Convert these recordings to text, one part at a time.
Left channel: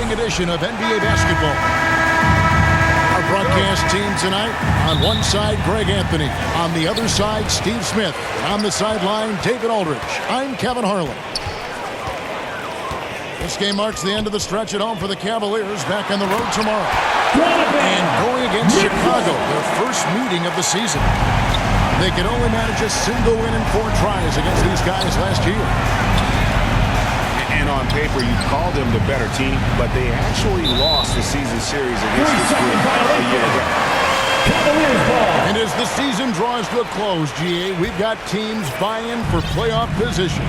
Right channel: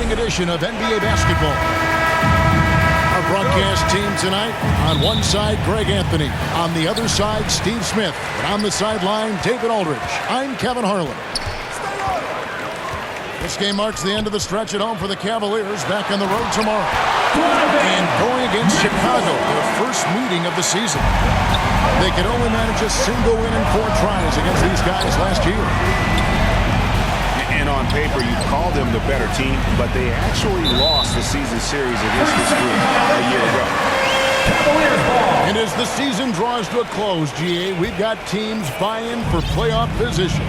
exciting edition of NBA basketball. Our broadcast team tonight, on one side, Greg Anthony. On the other side, Steve Smith. And on the sideline, David Aldridge. I'm Kevin Harlan. This game marks the end of the stretch at home for the Cavaliers, back on the road tomorrow. And going against Chicago, their first meeting of the season. They could only manage a single win in 4 tries against these guys last year. And on paper, you call them the better team, but they actually lost the season series against this group a year ago. Cavaliers ball. And as the season draws to a close, GA, we've got teams vying for playoff position,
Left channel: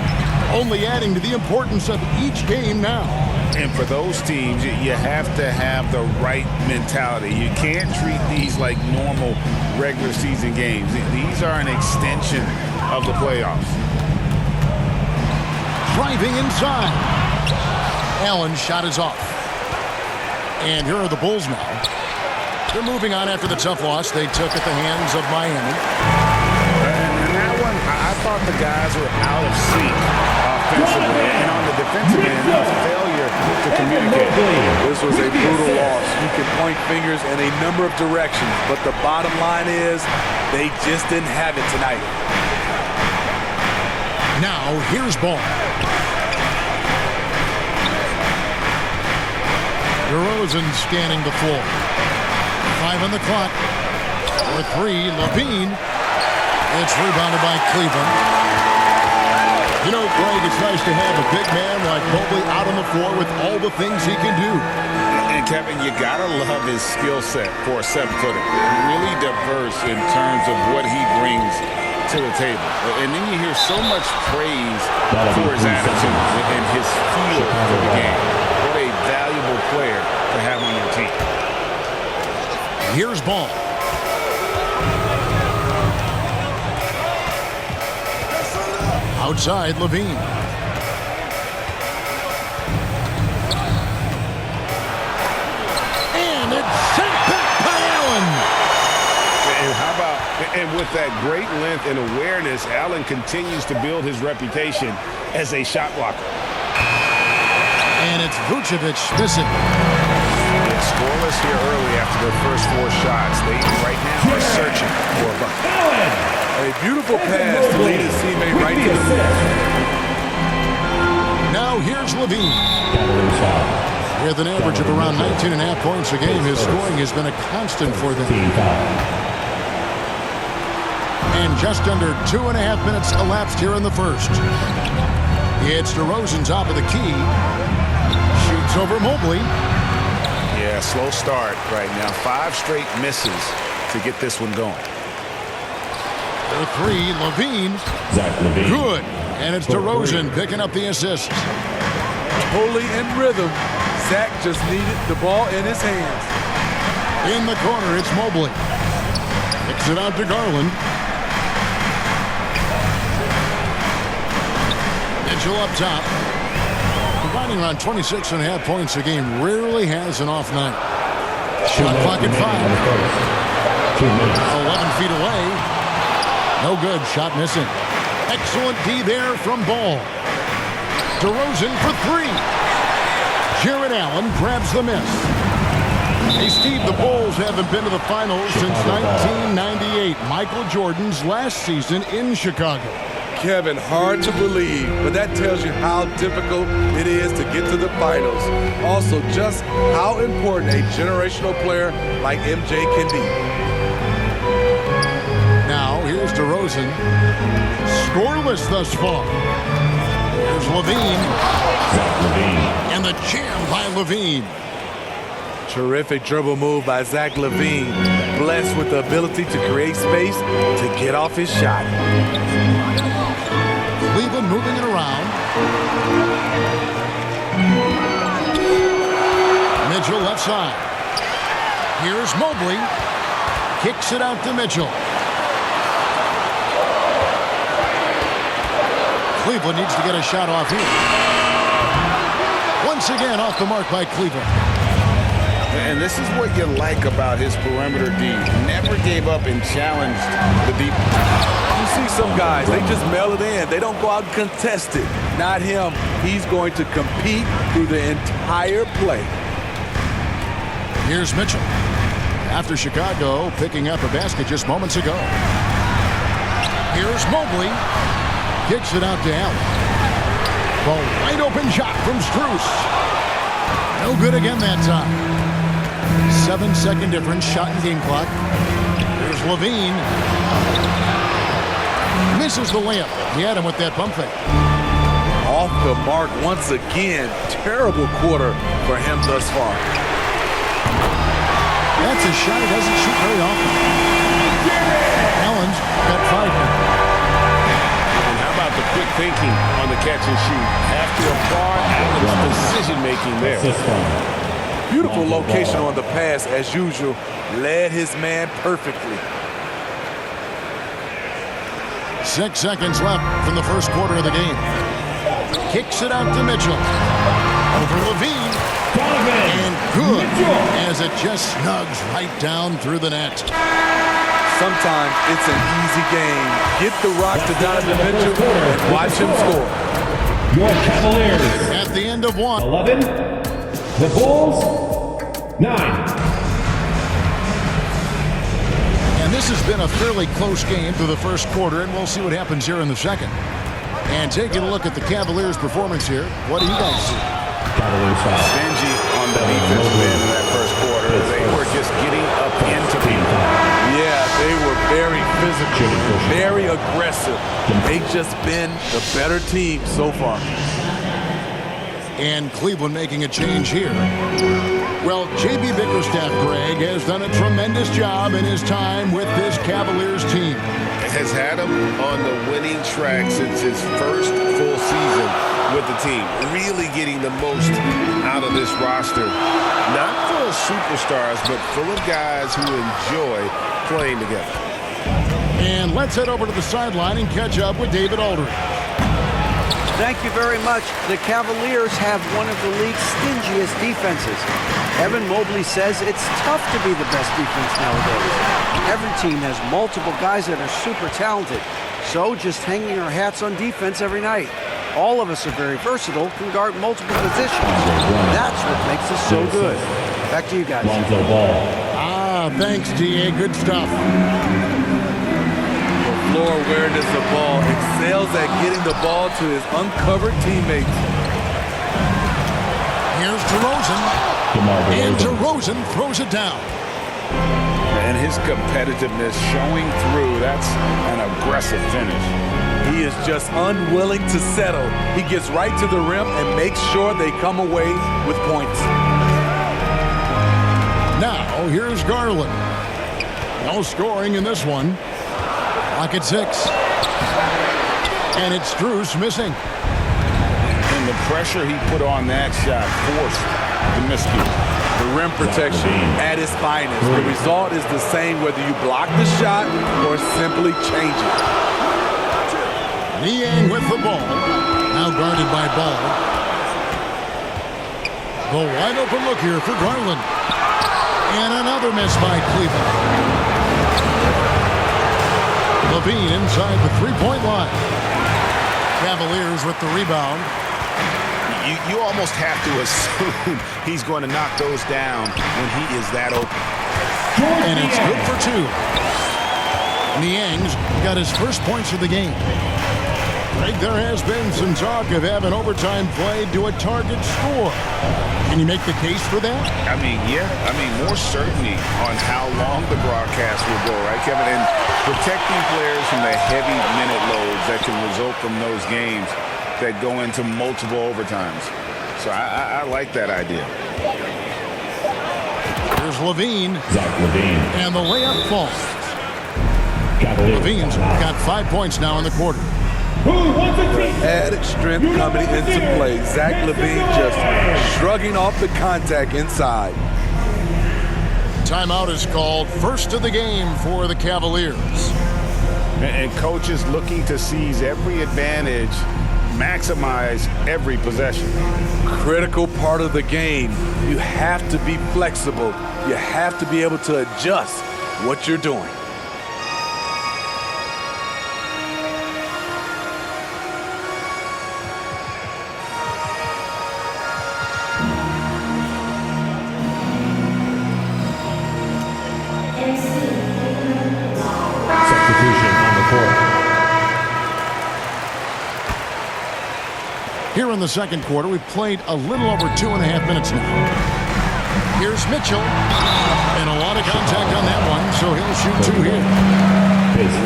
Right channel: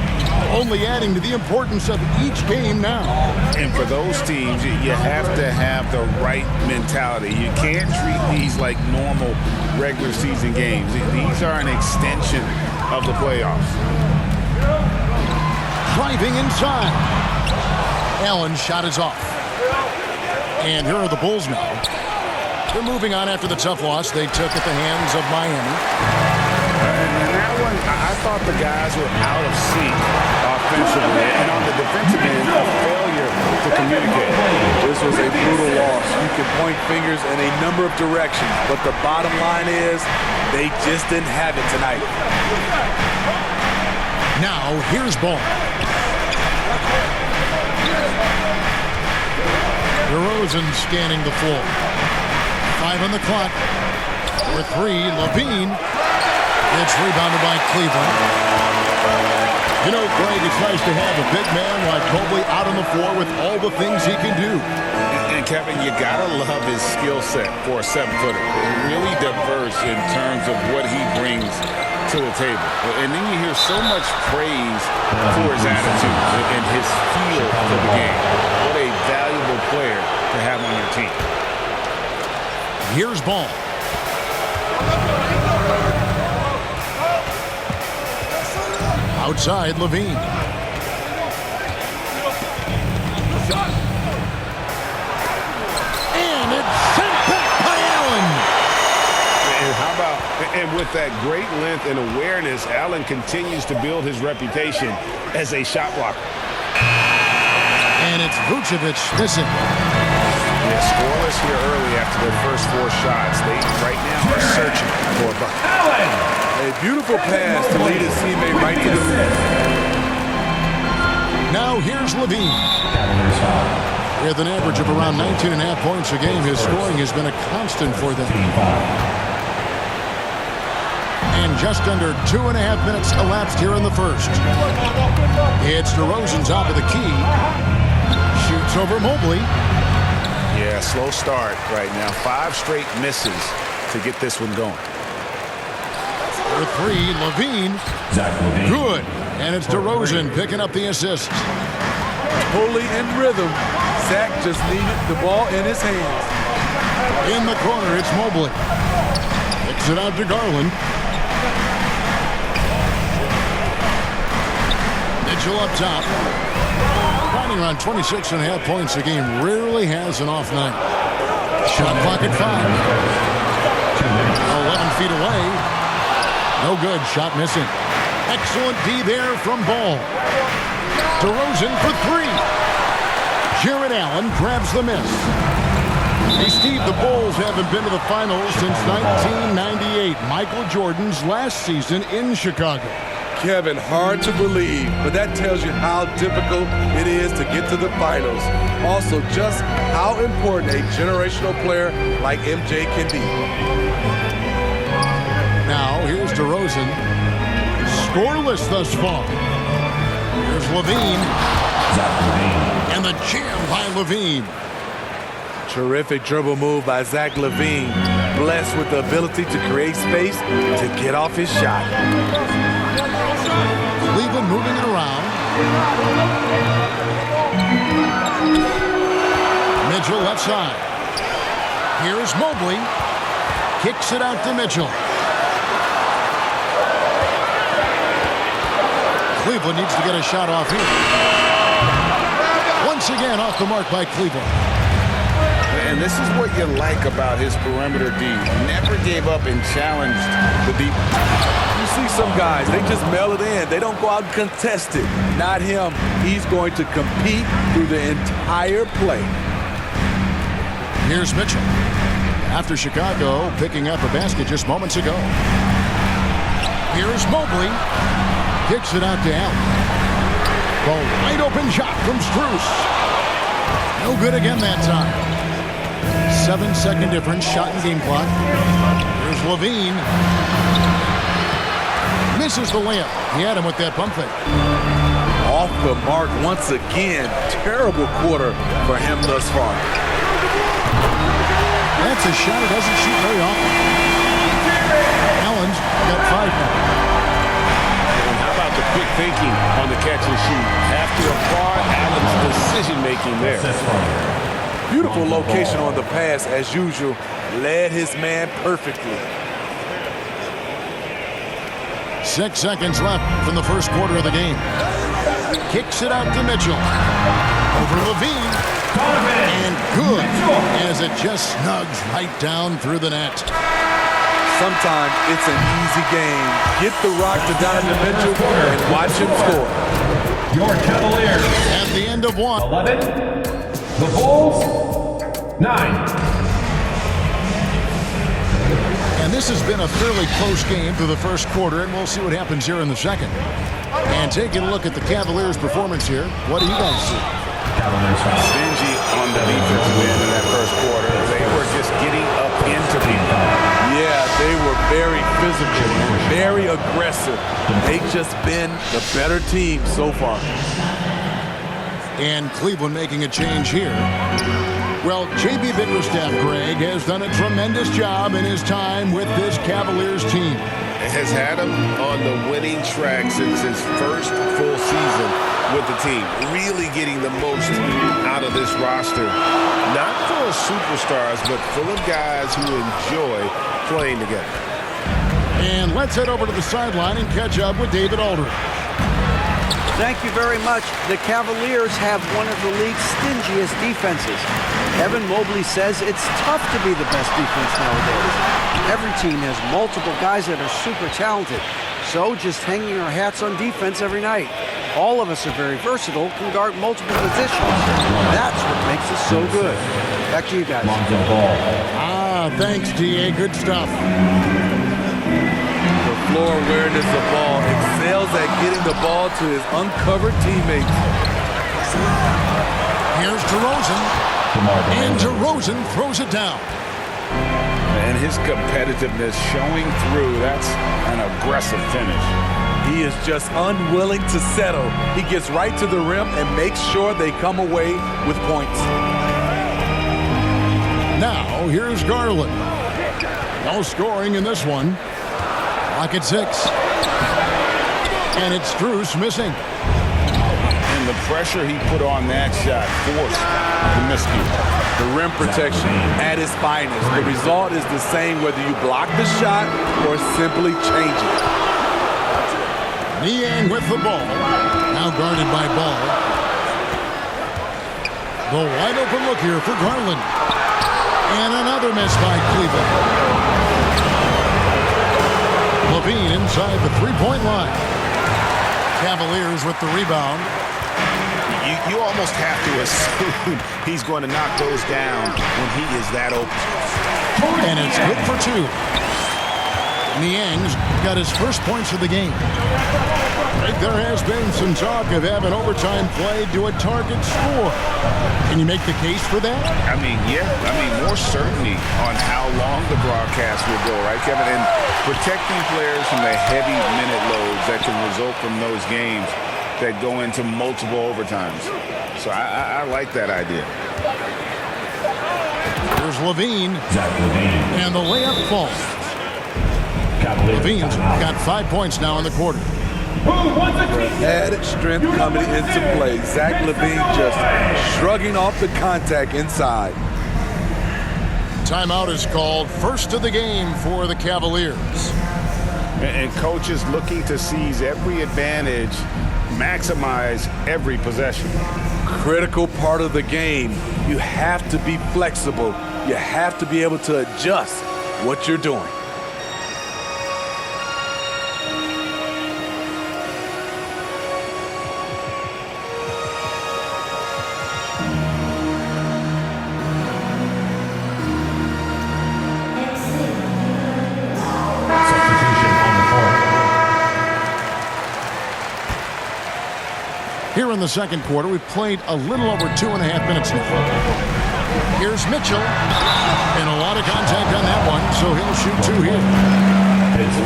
only adding to the importance of each game now. And for those teams, you have to have the right mentality. You can't treat these like normal regular season games. These are an extension of the playoffs. Driving inside. Allen's shot is off. And here are the Bulls now. They're moving on after the tough loss they took at the hands of Miami. And that one, I thought the guys were out of sync offensively. And on the defensive end, a failure to communicate. This was a brutal loss. You can point fingers in a number of directions, but the bottom line is they just didn't have it tonight. Now, here's Ball. DeRozan scanning the floor. 5 on the clock. For 3, Levine. It's rebounded by Cleveland. You know, Greg, it's nice to have a big man like Mobley out on the floor with all the things he can do. And Kevin, you gotta love his skill set for a 7-footer. Really diverse in terms of what he brings to the table. And then you hear so much praise for his attitude and his feel for the game. What a valuable player to have on your team. Here's Ball. Outside, Levine. And it's sent back by Allen. And how about, and with that great length and awareness, Allen continues to build his reputation as a shot blocker. And it's Vucevic missing. Yeah, scoreless here early after their first 4 shots. They right now are searching for a bucket. Allen. A beautiful pass to lead his teammate right to the rim. Now here's Levine. With an average of around 19.5 points a game, his scoring has been a constant for them. And just under 2.5 minutes elapsed here in the first. It's DeRozan top of the key. Shoots over Mobley. Yeah, slow start right now. 5 straight misses to get this one going. For 3, Levine. Levine. Good. And it's DeRozan picking up the assist. Totally in rhythm. Zach just needed the ball in his hands. In the corner, it's Mobley. Kicks it out to Garland. Mitchell up top. Providing around 26.5 points a game. Rarely has an off night. Shot clock at 5. 11 feet away. No good. Shot missing. Excellent D there from Ball. DeRozan for 3. Jared Allen grabs the miss. Hey, Steve, the Bulls haven't been to the finals since 1998, Michael Jordan's last season in Chicago. Kevin, hard to believe, but that tells you how difficult it is to get to the finals. Also, just how important a generational player like MJ can be. Now, here's DeRozan. Scoreless thus far. Here's Levine. Levine. And the jam by Levine. Terrific dribble move by Zach Levine. Blessed with the ability to create space to get off his shot. Cleveland moving it around. Mitchell left side. Here's Mobley. Kicks it out to Mitchell. Cleveland needs to get a shot off here. Once again off the mark by Cleveland. And this is what you like about his perimeter D. Never gave up and challenged the deep. You see some guys, they just mail it in. They don't go out and contest it. Not him. He's going to compete through the entire play. Here's Mitchell. After Chicago picking up a basket just moments ago. Here's Mobley. Kicks it out to Allen. The wide open shot from Strus. No good again that time. 7-second difference, shot and game clock. Here's Levine. Misses the layup. He had him with that pump fake. Off the mark once again. Terrible quarter for him thus far. That's a shot he doesn't shoot very often. Allen's got 5 now. And how about the quick thinking on the catch and shoot? Have to applaud Allen's decision-making there. Beautiful location on the pass, as usual. Led his man perfectly. 6 seconds left from the first quarter of the game. Kicks it out to Mitchell. Over Levine. And good, as it just snugs right down through the net. Sometimes it's an easy game. Get the rock to Donovan Mitchell and watch him score. Your Cavaliers. At the end of 1. 11. The Bulls. 9. And this has been a fairly close game through the first quarter, and we'll see what happens here in the second. And taking a look at the Cavaliers' performance here, what do you guys see? Stingy on the defensive end in that first quarter. They were just getting up into people. Yeah, they were very physical and very aggressive. They've just been the better team so far. And Cleveland making a change here. Well, J.B. Bickerstaff, Greg, has done a tremendous job in his time with this Cavaliers team. Has had him on the winning track since his first full season with the team. Really getting the most out of this roster. Not full of superstars, but full of guys who enjoy playing together. And let's head over to the sideline and catch up with David Aldridge. Thank you very much. The Cavaliers have one of the league's stingiest defenses. Evan Mobley says it's tough to be the best defense nowadays. Every team has multiple guys that are super talented. So just hanging our hats on defense every night. All of us are very versatile, can guard multiple positions. That's what makes us so good. Back to you guys. Lonzo Ball. Thanks, D.A. Good stuff. The floor awareness of ball, excels at getting the ball to his uncovered teammates. Here's DeRozan. And DeRozan throws it down. And his competitiveness showing through. That's an aggressive finish. He is just unwilling to settle. He gets right to the rim and makes sure they come away with points. Now, here's Garland. No scoring in this one. Clock at 6. And it's Strus missing. And the pressure he put on that shot forced the miscue. The rim protection at its finest. The result is the same whether you block the shot or simply change it. Niang with the ball. Now guarded by Ball. The wide open look here for Garland. And another miss by Cleveland. Levine inside the three-point line. Cavaliers with the rebound. You almost have to assume he's going to knock those down when he is that open. And it's good for 2. Niang's got his first points of the game. Greg, there has been some talk of having overtime played to a target score. Can you make the case for that? I mean, yeah. I mean, more certainty on how long the broadcast will go, right, Kevin? And protecting players from the heavy minute loads that can result from those games that go into multiple overtimes. So I like that idea. Here's Levine. Zach Levine. And the layup falls. Cavaliers. Levine's got 5 points now in the quarter. Who wants a team? Added strength coming into play. Zach Levine just shrugging off the contact inside. Timeout is called. First of the game for the Cavaliers. And coaches looking to seize every advantage, maximize every possession. Critical part of the game. You have to be flexible. You have to be able to adjust what you're doing. Here in the second quarter, we've played a little over 2.5 minutes now. Here's Mitchell. And a lot of contact on that one, so he'll shoot 2 here.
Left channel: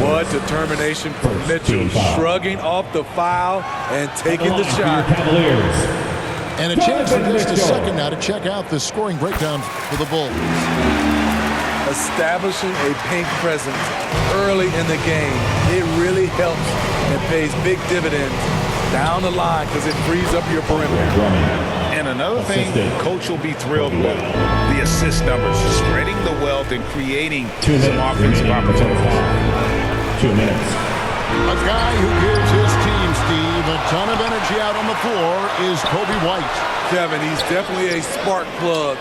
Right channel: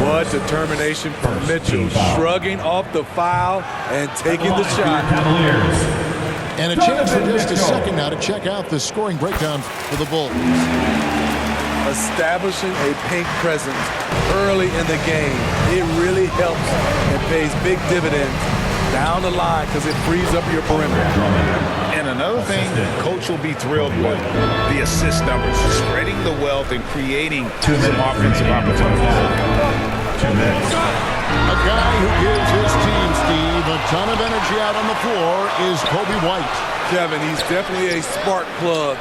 What determination from Mitchell, shrugging off the foul and taking the shot. Cavaliers. And a chance for just a second now to check out the scoring breakdown for the Bulls. Establishing a paint presence early in the game, it really helps and pays big dividends down the line because it frees up your perimeter. And another thing coach will be thrilled with, the assist numbers, spreading the wealth and creating some offensive opportunities. 2 minutes. A guy who gives his team, Steve, a ton of energy out on the floor is Kobe White. Kevin, he's definitely a spark plug,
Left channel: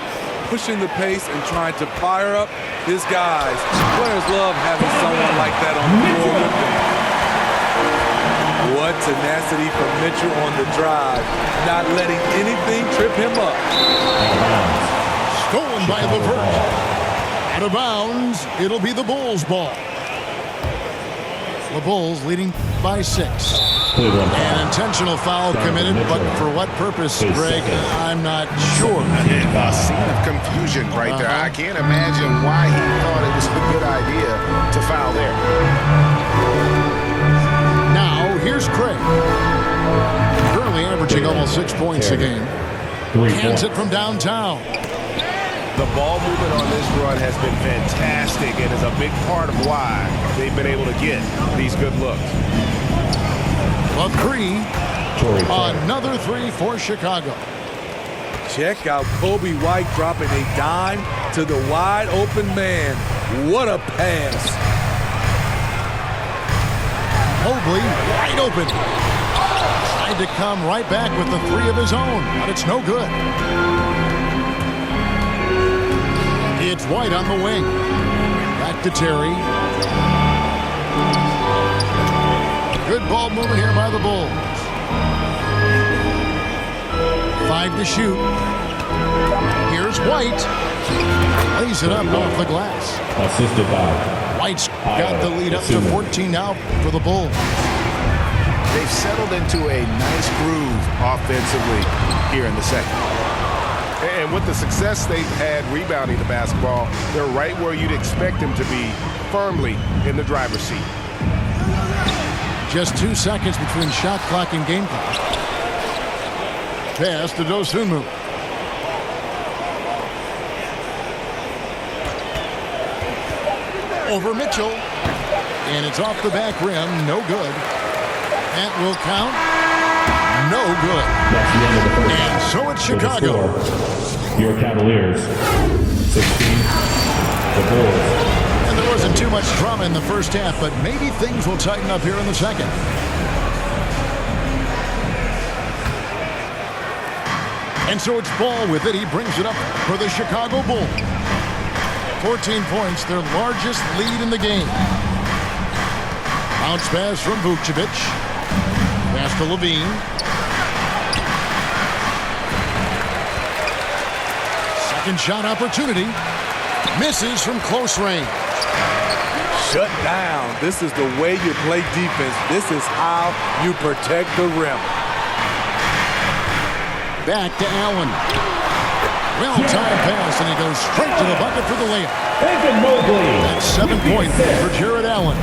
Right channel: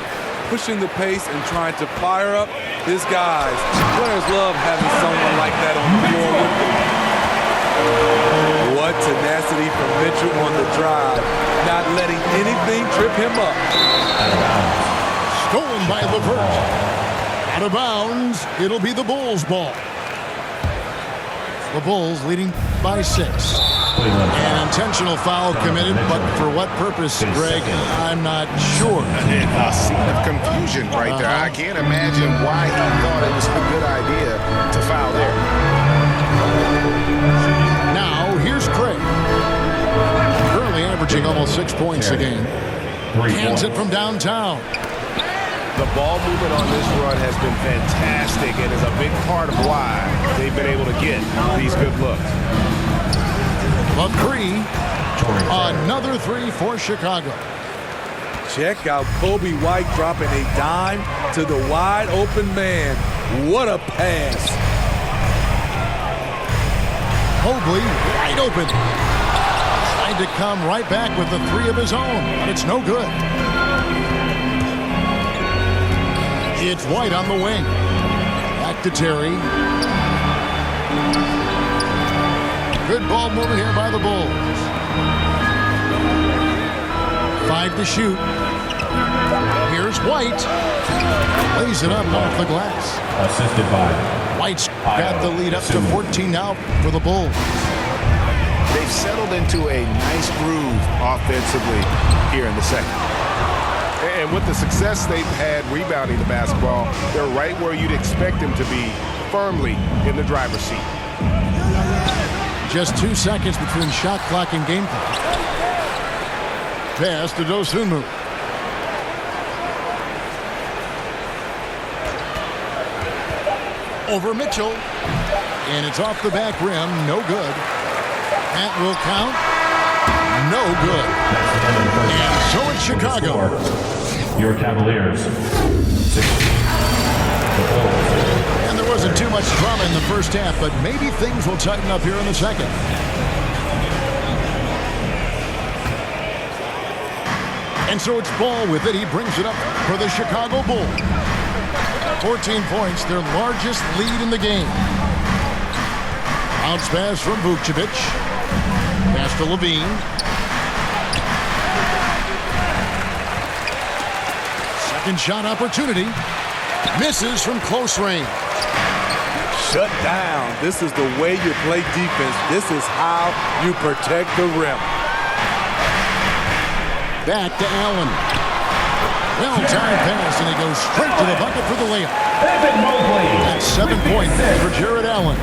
pushing the pace and trying to fire up his guys. Players love having someone like that on the floor with them. What tenacity from Mitchell on the drive, not letting anything trip him up. Out of bounds. Stolen by LeVert. Out of bounds, it'll be the Bulls' ball. The Bulls leading by 6. An intentional foul committed, but for what purpose, Greg, I'm not sure. A scene of confusion right there. I can't imagine why he thought it was a good idea to foul there. Now, here's Craig. Currently averaging almost 6 points a game. Hands it from downtown. The ball movement on this run has been fantastic and is a big part of why they've been able to get these good looks. A 3. Another 3 for Chicago. Check out Kobe White dropping a dime to the wide open man. What a pass. Mobley wide open. Tried to come right back with the 3 of his own, but it's no good. It's White on the wing. Back to Terry. Good ball movement here by the Bulls. 5 to shoot. Here's White. Lays it up off the glass. Assisted by White's got the lead up to 14 now for the Bulls. They've settled into a nice groove offensively here in the second. And with the success they've had rebounding the basketball, they're right where you'd expect them to be, firmly in the driver's seat. Just 2 seconds between shot clock and game clock. Pass to Dosunmu. Over Mitchell. And it's off the back rim. No good. That will count. No good. That's the end of the first And half. so it's Chicago. Your Cavaliers, 16. The Bulls. And there wasn't too much drama in the first half, but maybe things will tighten up here in the second. And so it's Ball with it. He brings it up for the Chicago Bulls. 14 points, their largest lead in the game. Bounce pass from Vucevic. Pass to Levine. Second shot opportunity. Misses from close range. Shut down. This is the way you play defense. This is how you protect the rim. Back to Allen. Well-timed pass, and he goes straight to the bucket for the layup. Evan Mobley. That's 7 points for Jared Allen.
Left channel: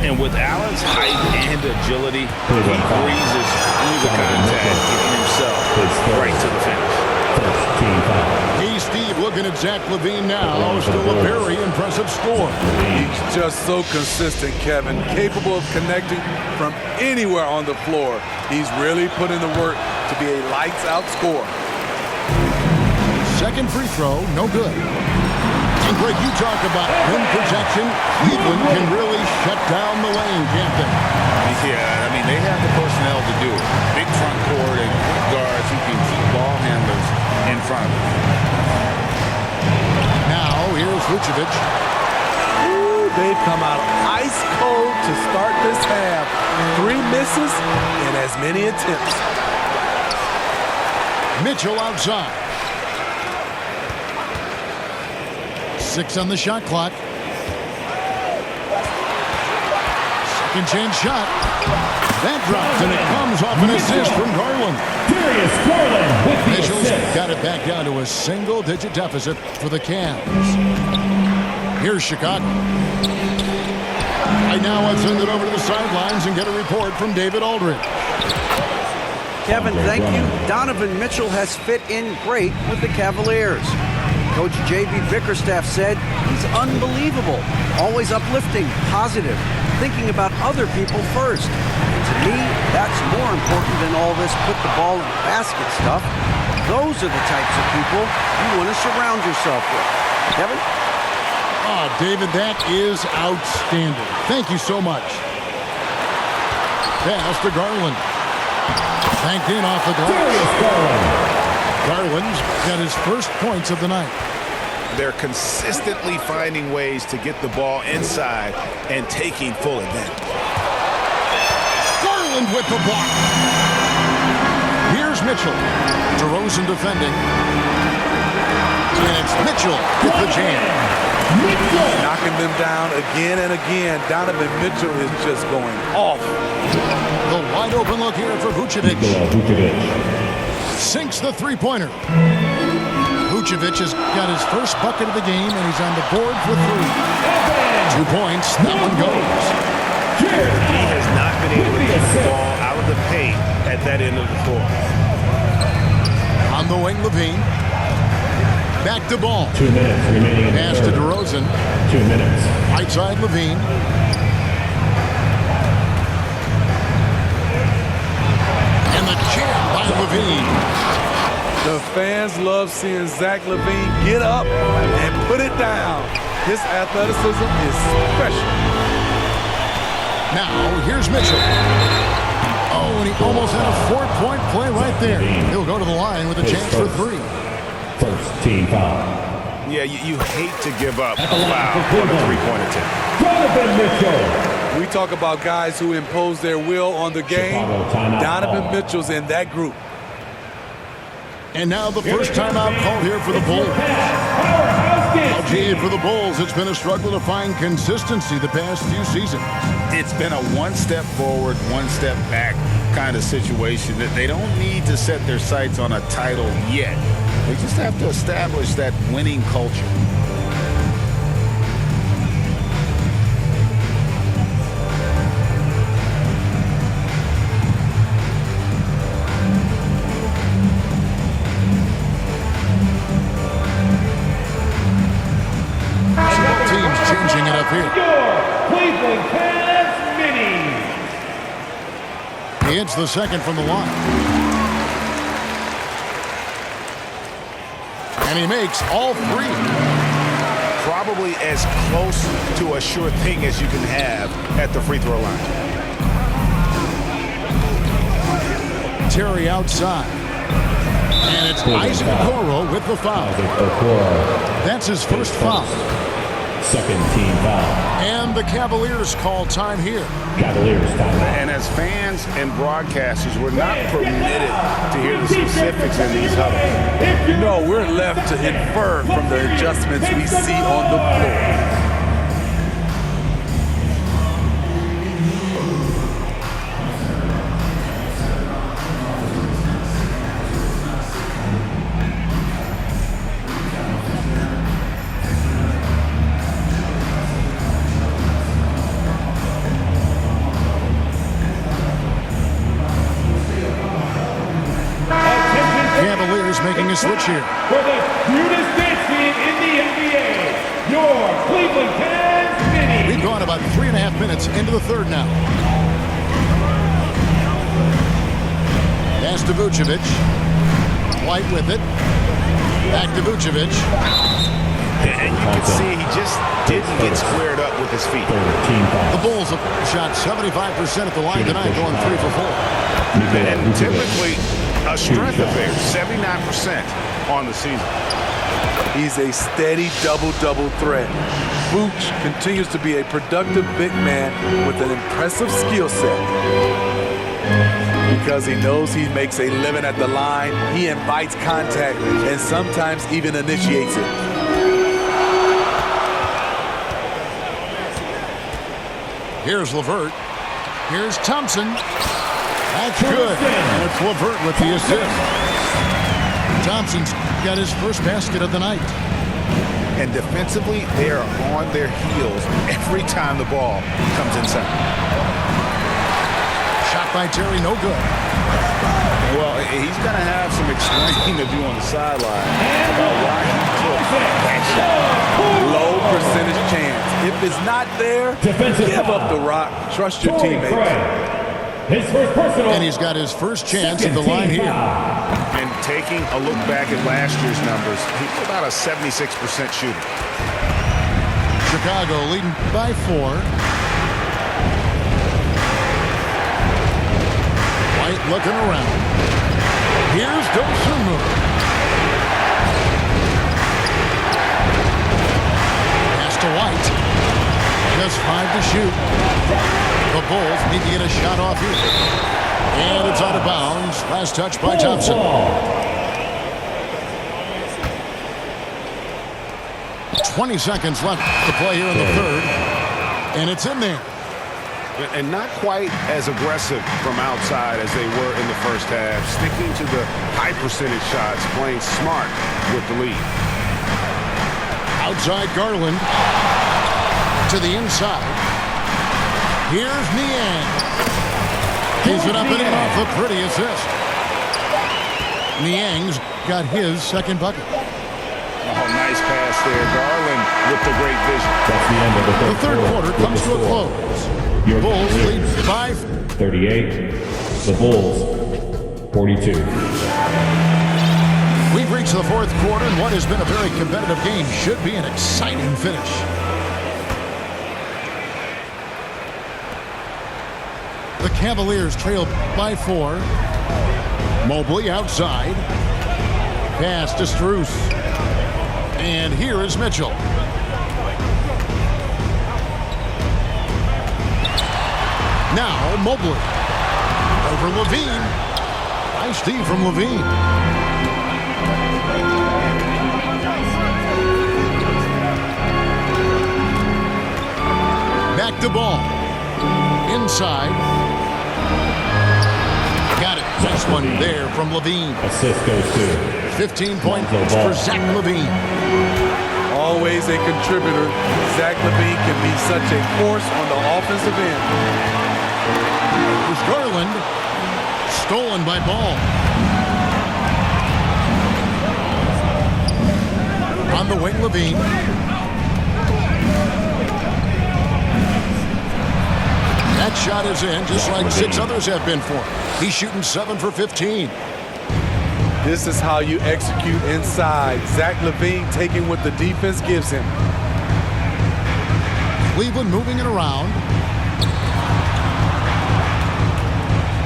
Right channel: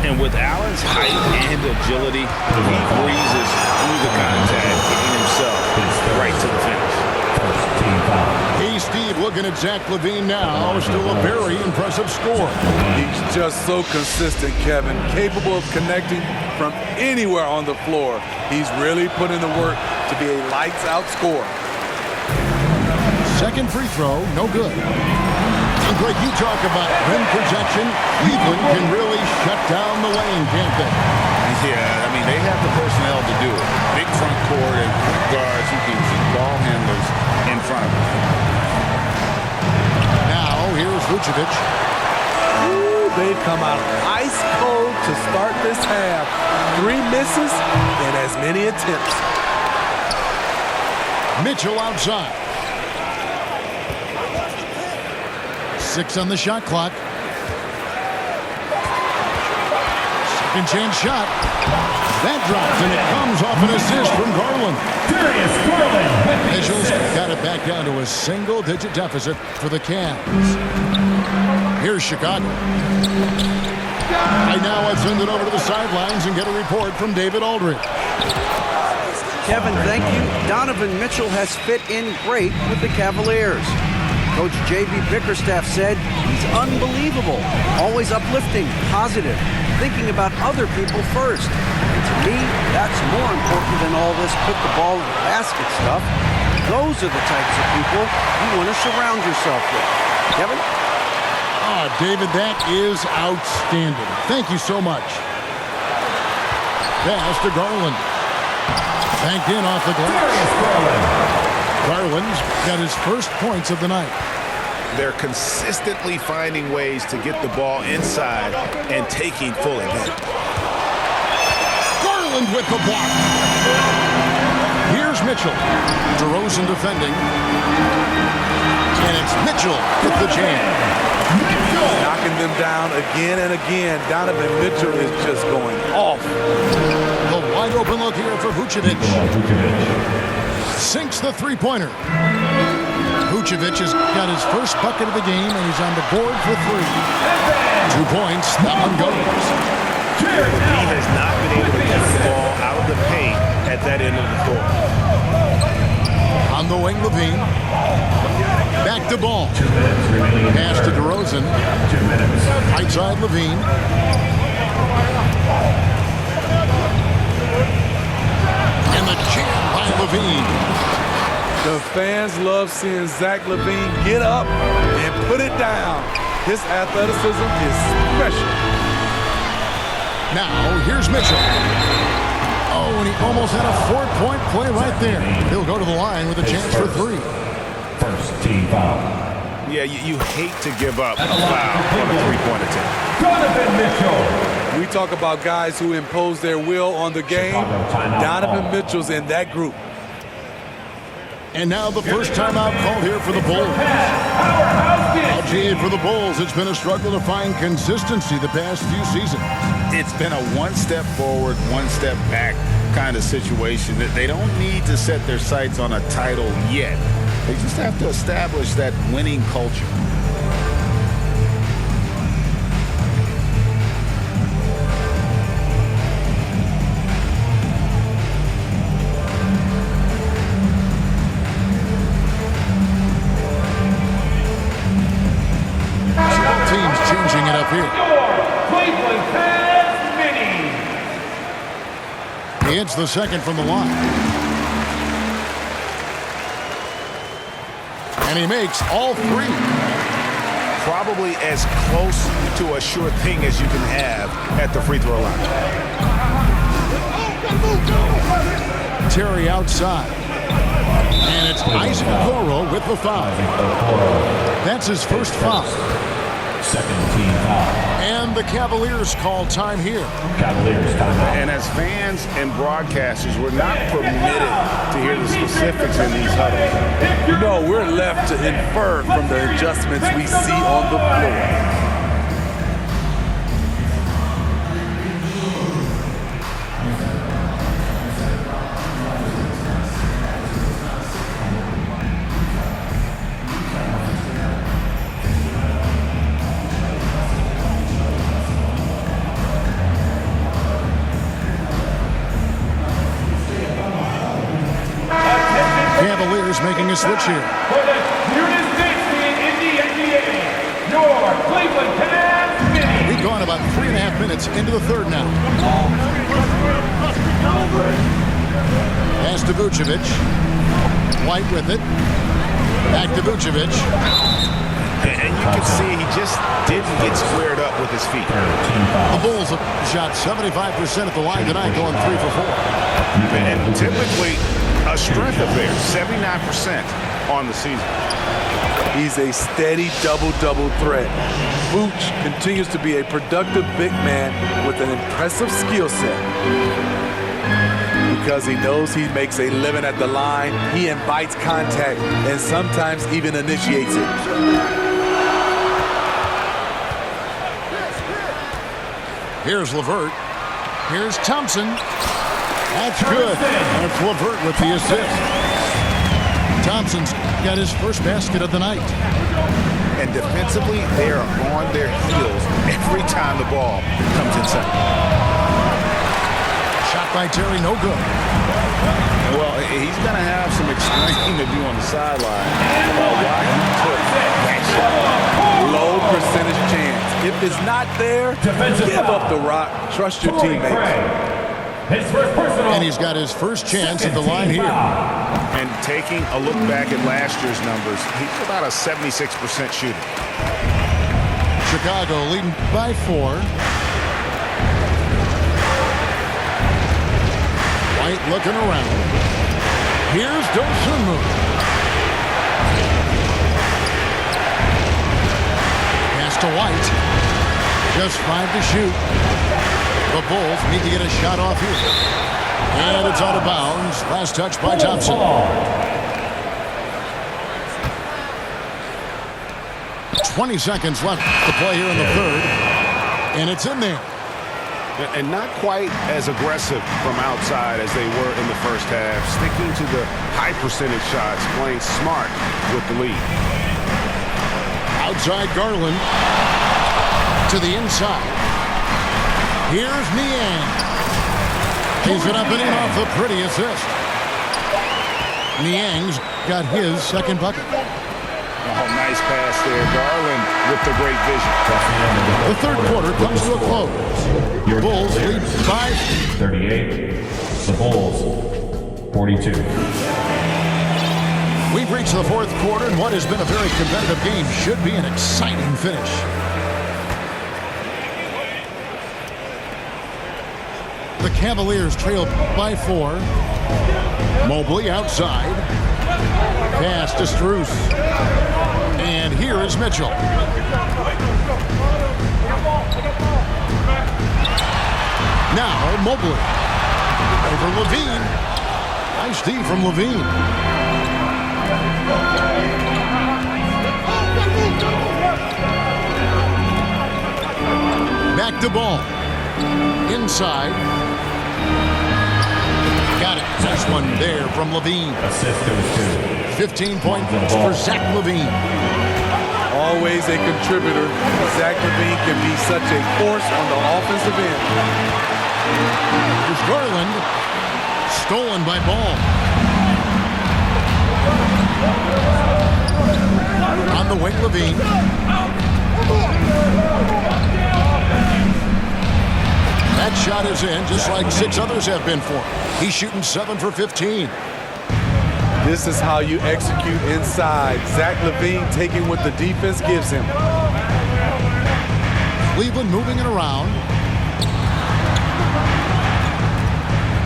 And with Allen's height and agility, he breezes through the contact, getting himself right to the finish. Hey, Steve, looking at Zach LaVine now. Still a very impressive score. He's just so consistent, Kevin. Capable of connecting from anywhere on the floor. He's really put in the work to be a lights-out scorer. Second free throw, no good. And Greg, you talk about rim protection. Cleveland can really shut down the lane, can't they? Yeah, I mean, they have the personnel to do it. Big front court and quick guards who can keep ball handlers in front of them. Now, here's Vucevic. Ooh, they've come out ice cold to start this half. 3 misses and as many attempts. Mitchell outside. 6 on the shot clock. Second chance shot. That drops, and it comes off an assist from Garland. Darius Garland with the Mitchell's assist. got it back down to a single-digit deficit for the Cavs. Here's Chicago. Right now, let's send it over to the sidelines and get a report from David Aldridge. Kevin, thank you. Donovan Mitchell has fit in great with the Cavaliers. Coach J.B. Bickerstaff said he's unbelievable, always uplifting, positive, thinking about other people first. And to me, that's more important than all this put the ball in the basket stuff. Those are the types of people you want to surround yourself with. Kevin? Oh, David, that is outstanding. Thank you so much. Pass to Garland. Banked in off the glass. Darius Garland. Garland's got his first points of the night. They're consistently finding ways to get the ball inside and taking full advantage. Garland with the block. Here's Mitchell. DeRozan defending. And it's Mitchell with the jam. Knocking them down again and again. Donovan Mitchell is just going off. The wide open look here for Vucevic. Vucevic. Sinks the three-pointer. Vucevic has got his first bucket of the game, and he's on the board for 3. 2 points. That one goes. The D has not been able to keep the ball out of the paint at that end of the floor. On the wing, Levine. Back to ball. 2 minutes remaining. Pass to DeRozan. 2 minutes. Right side, Levine. And the jam by Levine. The fans love seeing Zach LaVine get up and put it down. His athleticism is special. Now, here's Mitchell. Oh, and he almost had a 4-point play right there. He'll go to the line with a chance for 3. First team foul. Yeah, you hate to give up a foul on a three-point attempt. Donovan Mitchell. We talk about guys who impose their will on the game. Chicago timeout Donovan call. Mitchell's in that group. And now the first timeout called here for the Bulls. Now, gee, for the Bulls, it's been a struggle to find consistency the past few seasons. It's been a one step forward, one step back kind of situation that they don't need to set their sights on a title yet. They just have to establish that winning culture. Teams changing it up here. Your Cleveland Cavs mini. He hits the second from the line. And he makes all 3. Probably as close to a sure thing as you can have at the free throw line. Terry outside. And it's Isaac Okoro with the foul. That's his first foul. Second team foul. And the Cavaliers call time here. Cavaliers timeout. And as fans and broadcasters, we're not permitted to hear the specifics in these huddles. No, we're left to infer from the adjustments we see on the floor. Cavaliers making a switch here. For the weirdest dance team in the NBA, your Cleveland Cavs mini. We've gone about 3.5 minutes into the third now. Pass to Vucevic. White with it. Back to Vucevic. And you can see he just didn't get squared up with his feet. The Bulls have shot 75% at the line tonight, going 3 for 4. And typically a strength of theirs, 79% on the season. He's a steady double-double threat. Vooch continues to be a productive big man with an impressive skill set. Because he knows he makes a living at the line, he invites contact and sometimes even initiates it. Here's LeVert. Here's Thompson. That's good. And it's LeVert with the assist. Thompson's got his first basket of the night. And defensively, they are on their heels every time the ball comes inside. Shot by Terry, no good. Well, he's going to have some explaining to do on the sideline about why he took that shot. Low percentage chance. If it's not there, give up the rock. Trust your teammates. His first personal. And he's got his first chance at the line here. And taking a look back at last year's numbers, he's about a 76% shooter. Chicago leading by 4. White looking around. Here's Dosunmu. Pass to White. Just 5 to shoot. The Bulls need to get a shot off here. And it's out of bounds. Last touch by Thompson. 20 seconds left to play here in the third. And it's in there. And not quite as aggressive from outside as they were in the first half. Sticking to the high percentage shots, playing smart with the lead. Outside Garland. To the inside. Here's Niang. He's it up and in off the pretty assist. Niang's got his second bucket. Oh, nice pass there. Garland with the great vision. That's the end of The third quarter comes to a close. Your Bulls Cavaliers, lead 5. 38. The Bulls, 42. We've reached the fourth quarter, and what has been a very competitive game should be an exciting finish. The Cavaliers trail by 4. Mobley outside. Pass to Strus. And here is Mitchell. Now Mobley. Over Levine. Nice D from Levine. Back to ball. Inside. Got it. Nice one there from Levine. Assist goes to 15 points for Zach Levine. Always a contributor. Zach Levine can be such a force on the offensive end. Here's Garland. Stolen by Ball. On the wing, Levine. That shot is in, just like 6 others have been for him. He's shooting 7 for 15. This is how you execute inside. Zach Levine taking what the defense gives him. Cleveland moving it around.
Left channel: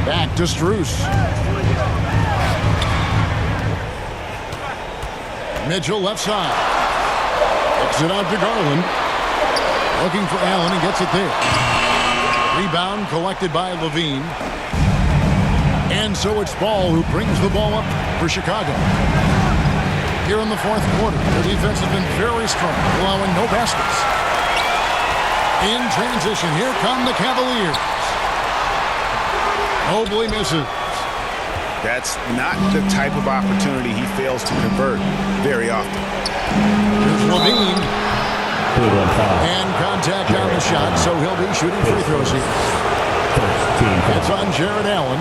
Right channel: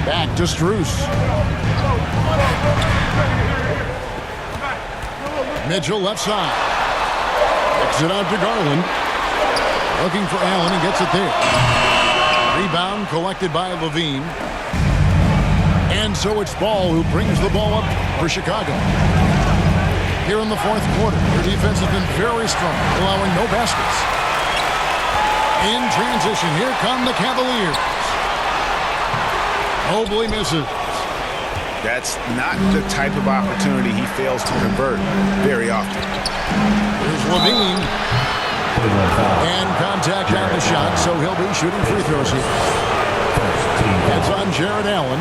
Back to Strus. Mitchell left side. Kicks it out to Garland. Looking for Allen. He gets it there. Rebound collected by Levine. And so it's Ball who brings the ball up for Chicago. Here in the fourth quarter, their defense has been very strong, allowing no baskets. In transition, here come the Cavaliers. Mobley misses. That's not the type of opportunity he fails to convert very often. Here's Levine. And contact on the shot, so he'll be shooting free throws here. It's on Jared Allen.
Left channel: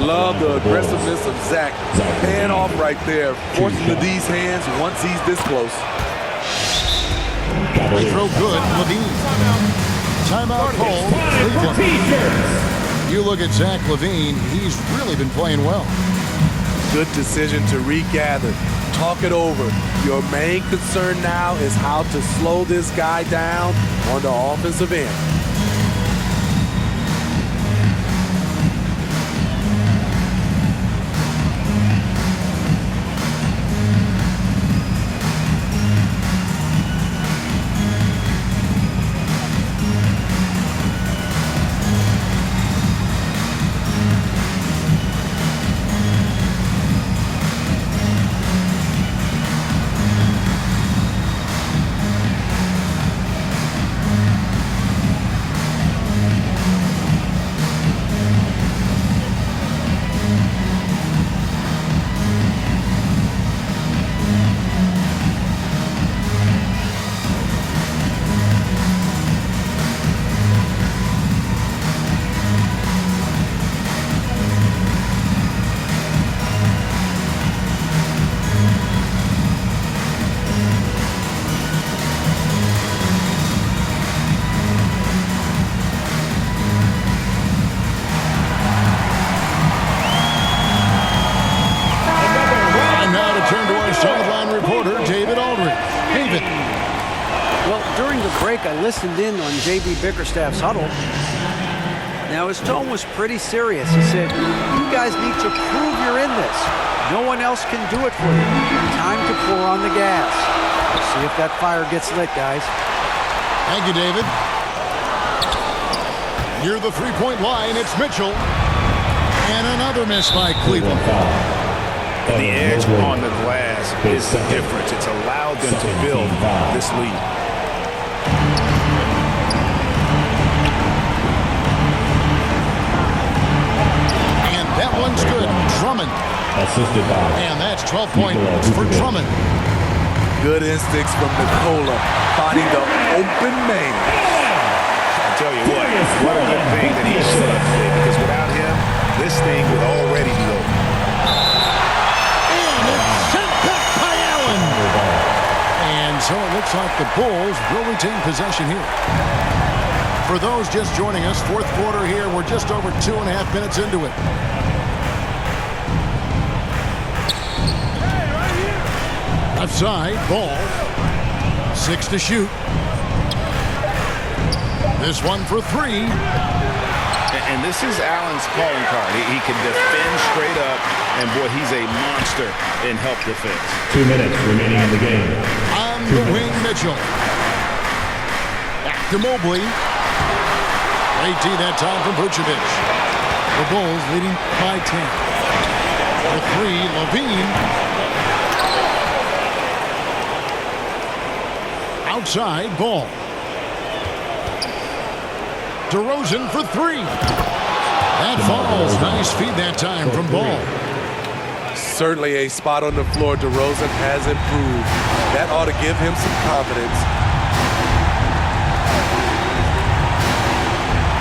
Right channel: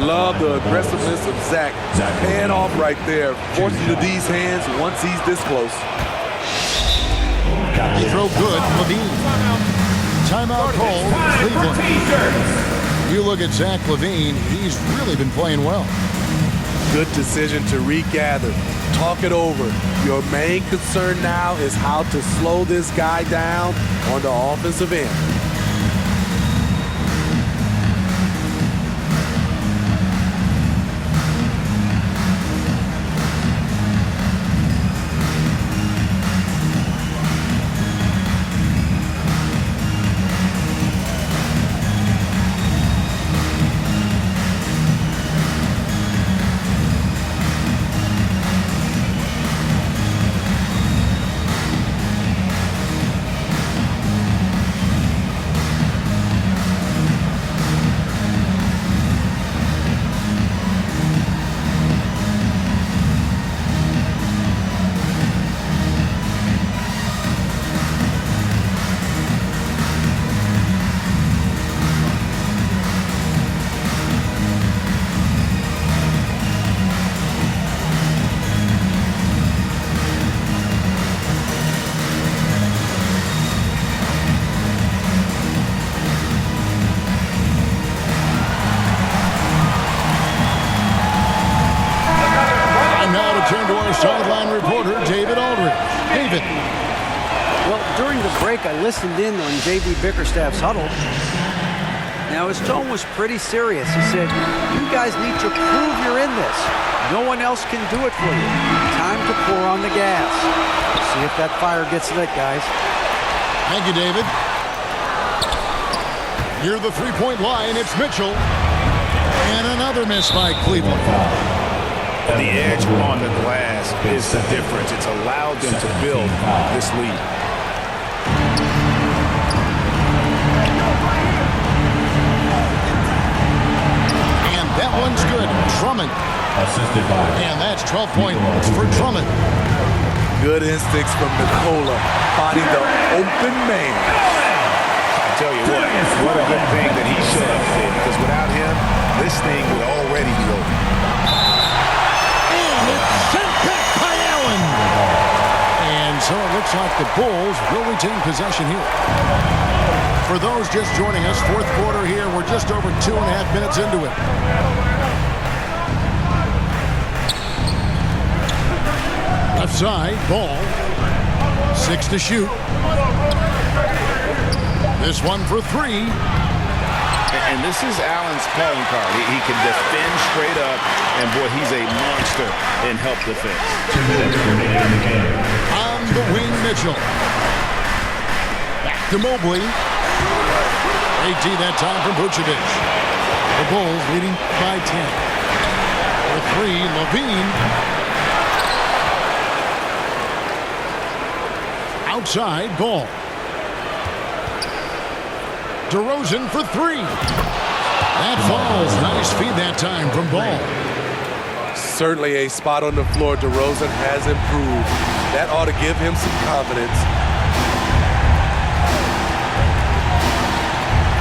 Love the aggressiveness of Zach. Paying off right there, forcing the D's hands once he's this close. Free throw good, Levine. Timeout called, Cleveland. You look at Zach Levine, he's really been playing well. Good decision to regather. Talk it over. Your main concern now is how to slow this guy down on the offensive end. sideline reporter David Aldridge. David. Well, during the break, I listened in on J.B. Bickerstaff's huddle. Now, his tone was pretty serious. He said, you guys need to prove you're in this. No one else can do it for you. Time to pour on the gas. See if that fire gets lit, guys. Thank you, David. Near the three-point line, it's Mitchell. And another miss by Cleveland. The edge on the glass is the difference. It's allowed them to build this lead. And that one's good. Drummond. Assisted by. And that's 12 points for Drummond. Good instincts from Nikola, finding the open man. I tell you what a good thing that he showed up today, because without him, this thing would already be over. And it's sent back by Allen. And so it looks like the Bulls will retain possession here. For those just joining us, fourth quarter here. We're just over 2.5 minutes into it. Left side, Ball. 6 to shoot. This one for 3. And this is Allen's calling card. He can defend straight up, and boy, he's a monster in help defense. 2 minutes remaining in the game. On the wing, Mitchell. Back to Mobley. Great D that time from Vucevic. The Bulls leading by 10. For 3, Levine. Outside, Ball. DeRozan for 3. That falls. Nice feed that time from Ball. Certainly a spot on the floor. DeRozan has improved. That ought to give him some confidence.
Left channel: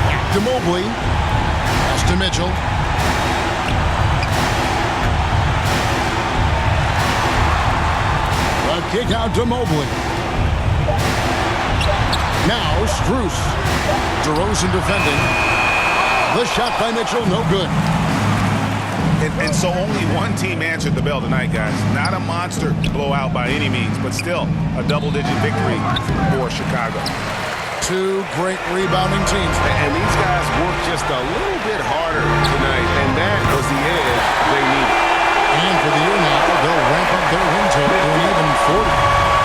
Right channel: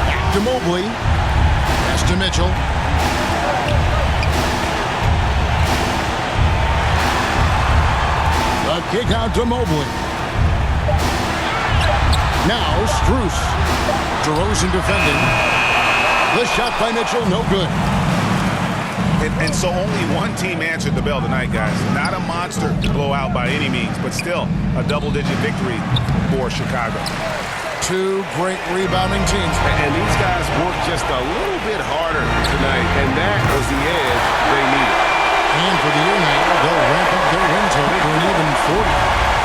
Back to Mobley. Pass to Mitchell. The kick out to Mobley. Now Strus. DeRozan defending. The shot by Mitchell, no good. And so only one team answered the bell tonight, guys. Not a monster blowout by any means, but still a double-digit victory for Chicago. 2 great rebounding teams. And these guys worked just a little bit harder tonight, and that was the edge they needed. And for the year now, they'll ramp up their win total to an even 40.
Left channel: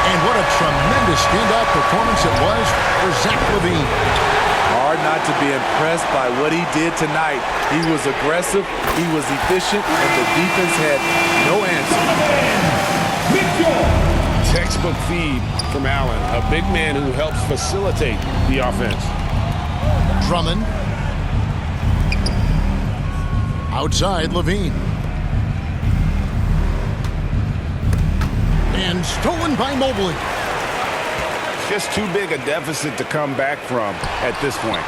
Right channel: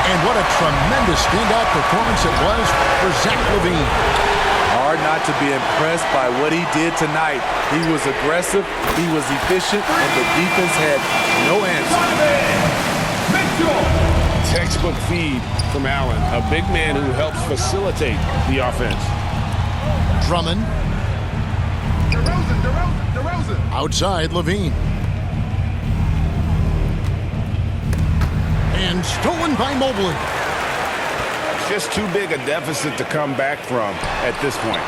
And what a tremendous standout performance it was for Zach LaVine. Hard not to be impressed by what he did tonight. He was aggressive, he was efficient, and the defense had no answer. Textbook feed from Allen, a big man who helps facilitate the offense. Drummond. Outside, Levine. And stolen by Mobley. It's just too big a deficit to come back from at this point.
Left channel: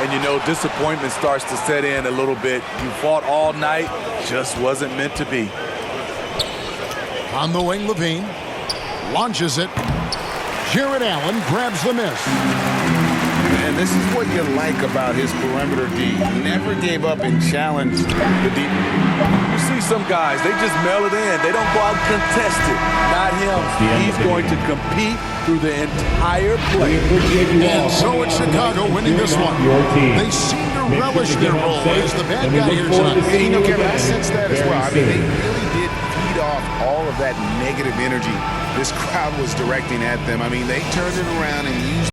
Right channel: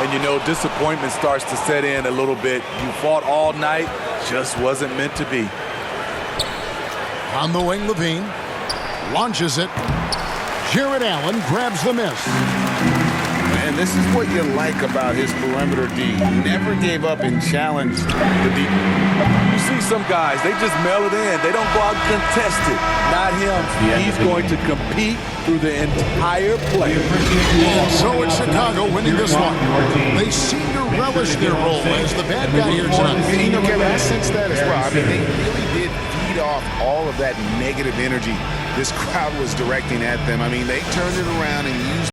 And you know, disappointment starts to set in a little bit. You fought all night, just wasn't meant to be. On the wing, Levine. Launches it. Jared Allen grabs the miss. And this is what you like about his perimeter D. Never gave up and challenged the deep. You see some guys, they just mail it in. They don't go out and contest it. Not him. He's going to compete through the entire play. And so it's Chicago winning this one. They seem to relish their role as the bad guy here tonight. You know, Kevin, I sense that as well. I mean, they really did feed off all of that negative energy this crowd was directing at them. I mean, they turned it around and used